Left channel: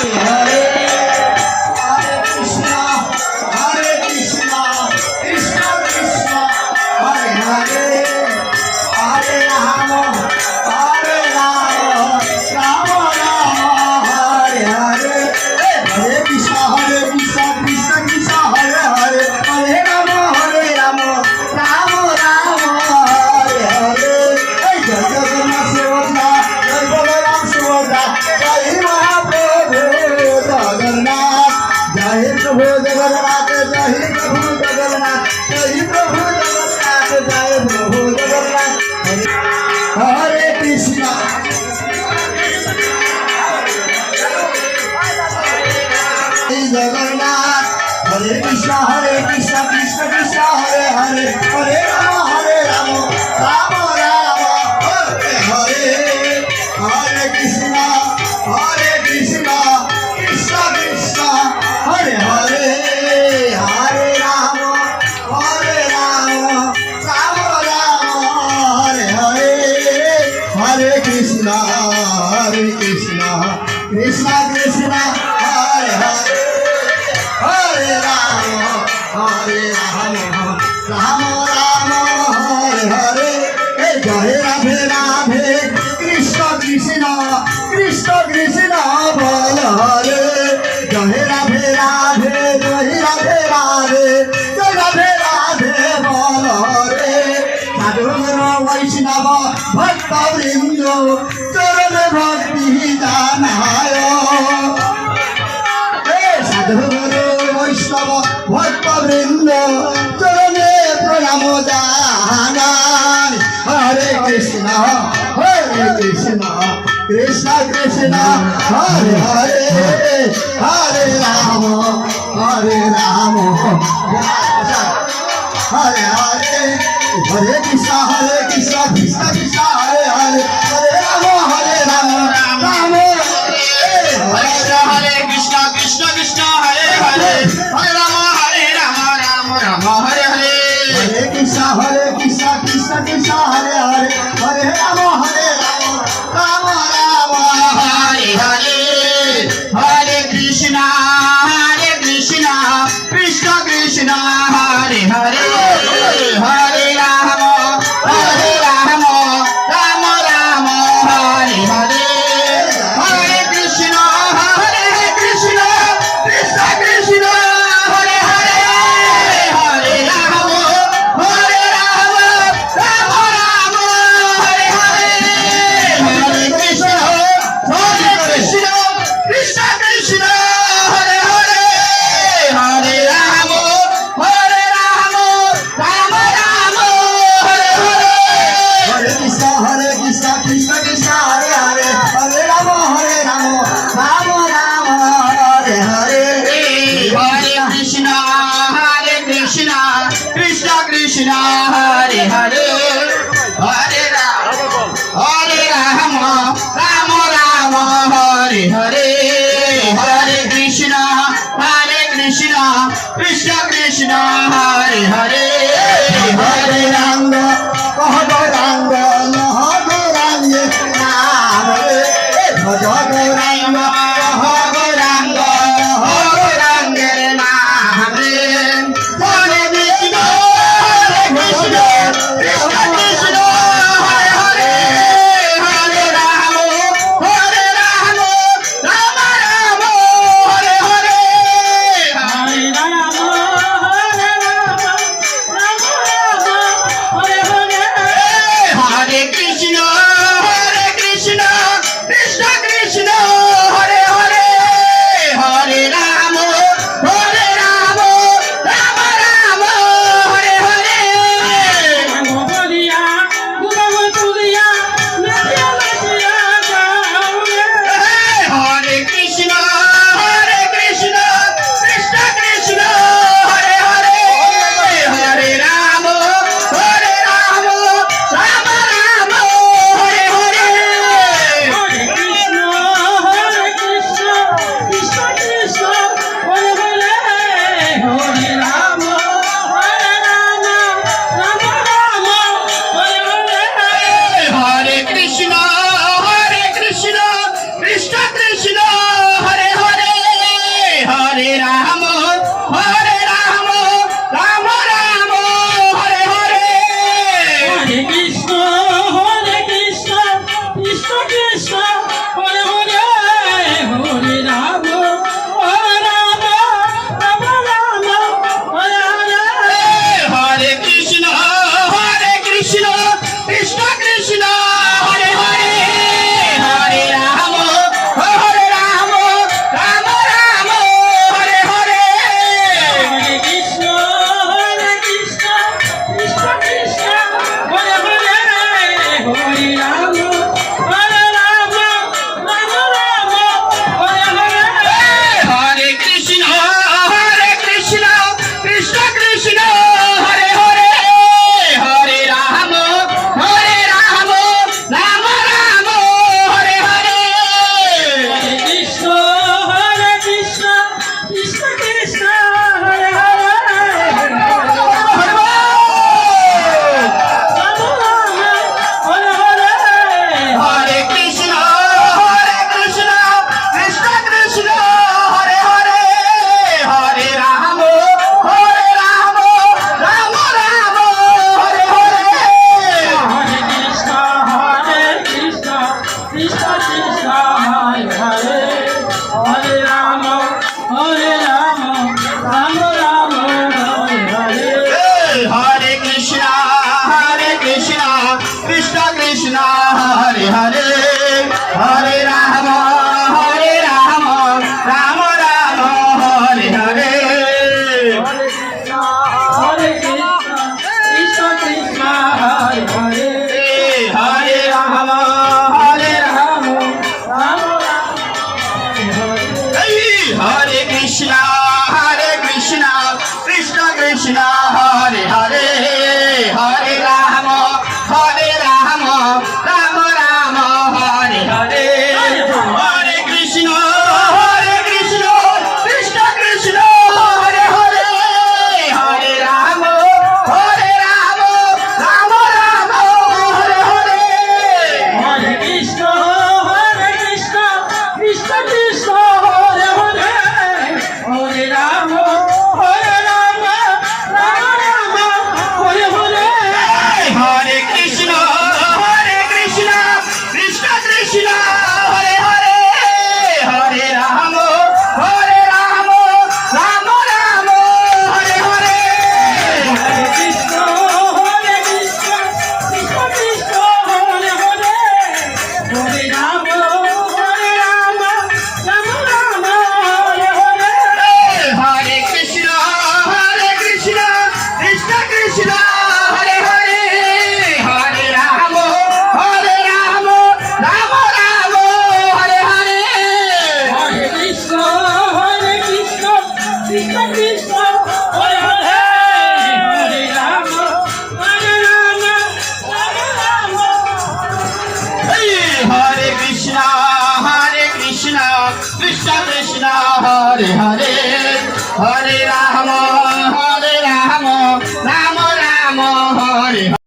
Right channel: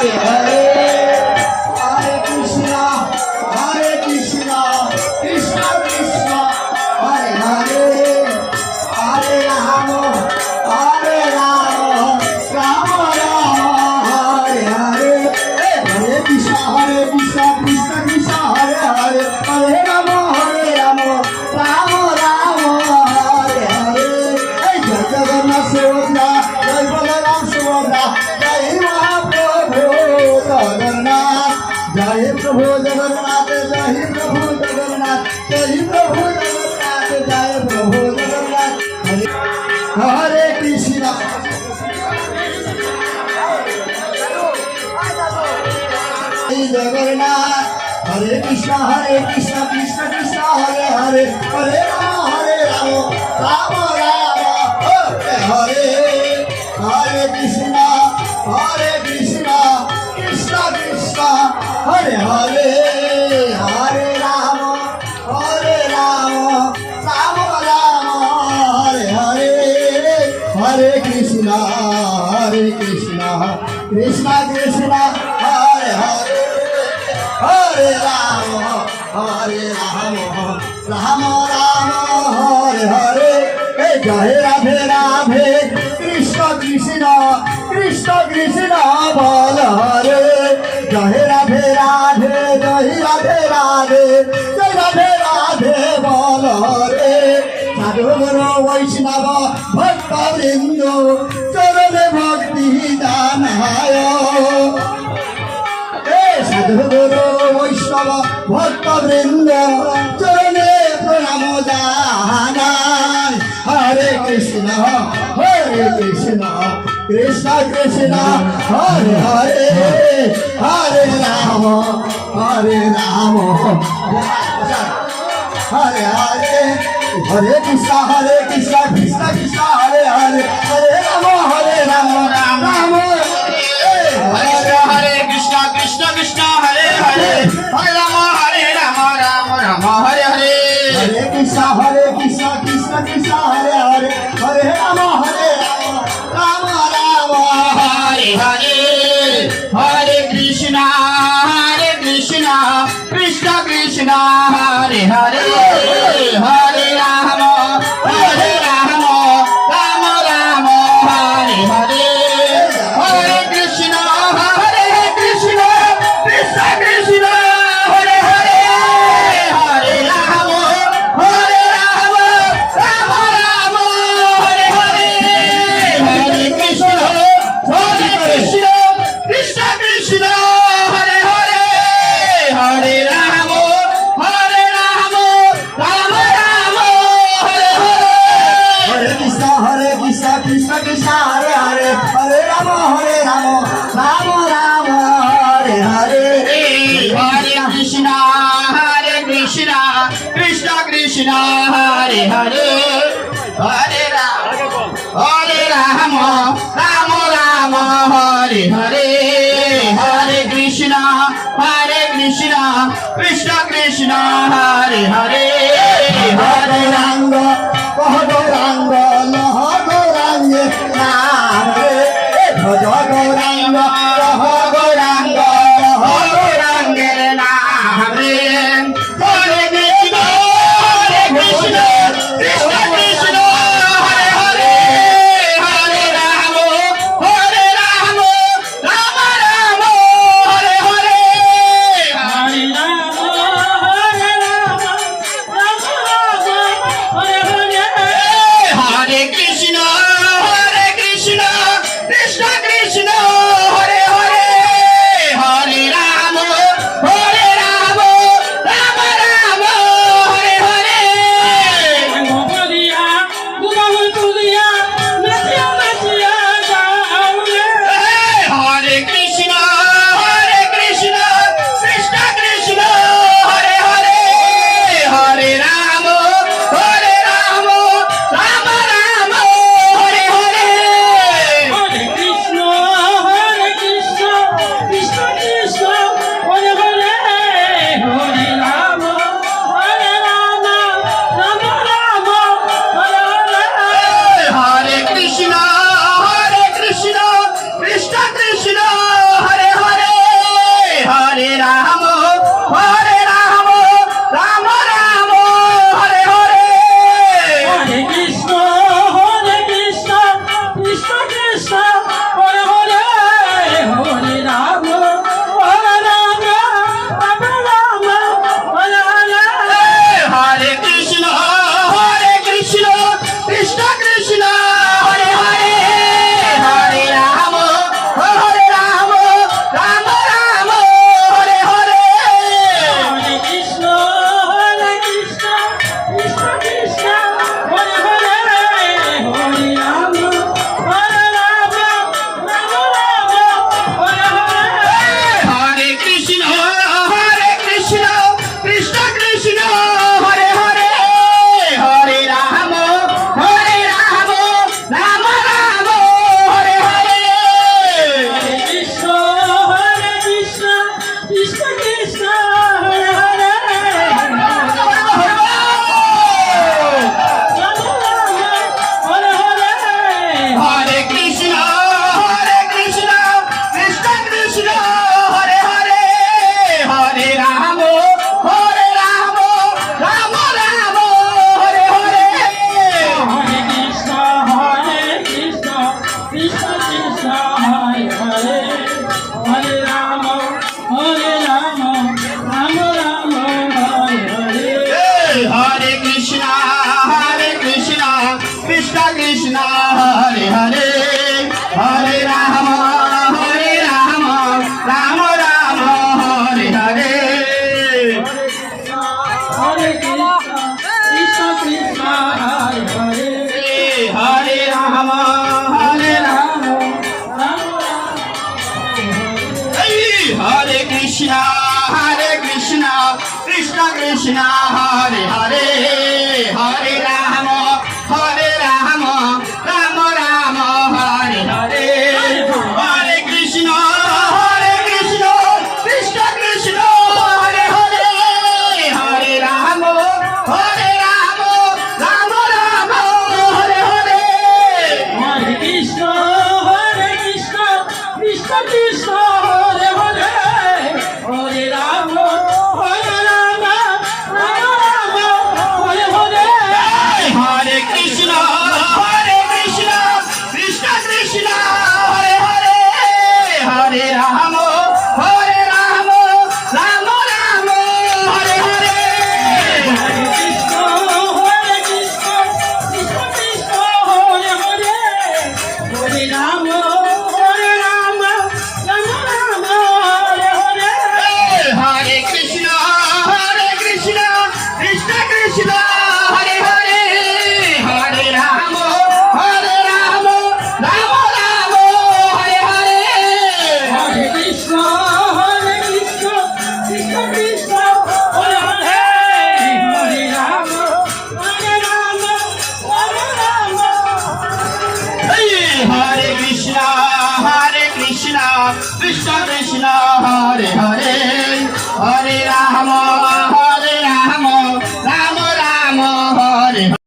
Krishna Krishna Hare Hare Hare Rama Hare Rama Hare Hare Hare Krishna Krishna Krishna Hare Hare Hare Rama Rama Rama Hare Krishna Krishna Krishna Hare Hare Hare Rama Rama Rama Hare Hare Hare Krishna Krishna Krishna Hare Hare Hare Rama Rama Rama Hare Hare Hare Krishna Krishna Krishna Hare Hare Hare Rama Rama Rama Hare Hare Hare Krishna Krishna Krishna Hare Hare Hare Rama Rama Rama Hare Hare Hare Krishna Krishna Krishna Hare Hare Hare Rama Rama Rama Hare Hare Hare Krishna Krishna Krishna Hare Hare Hare Rama Rama Rama Hare Hare Hare Krishna Krishna Krishna Hare Hare Hare Rama Rama Rama Hare Hare Hare Krishna Krishna Krishna Hare Hare Hare Ranga Ranga Laha Goranga Nare Bhaja Goranga Goranga Nare Hare Krishna Krishna Krishna Hare Hare Hare Rama Rama Rama Hare Hare Hare Rama Hare Krishna Krishna Krishna Hare Hare Hare Rama Rama Krishna Krishna Hare Hare Ram Ram Hare Hare Hare Krishna Krishna Krishna Hare Hare Hare Ram Ram Ram Hare Hare Hare Krishna Krishna Krishna Hare Hare Hare Ram Ram Ram Hare Hare Hare Krishna Krishna Krishna Hare Hare Hare Ram Ram Ram Hare Hare Hare Krishna Krishna Krishna Hare Hare Hare Ram Ram Ram Hare Krishna Krishna Krishna Hare Hare Hare Ram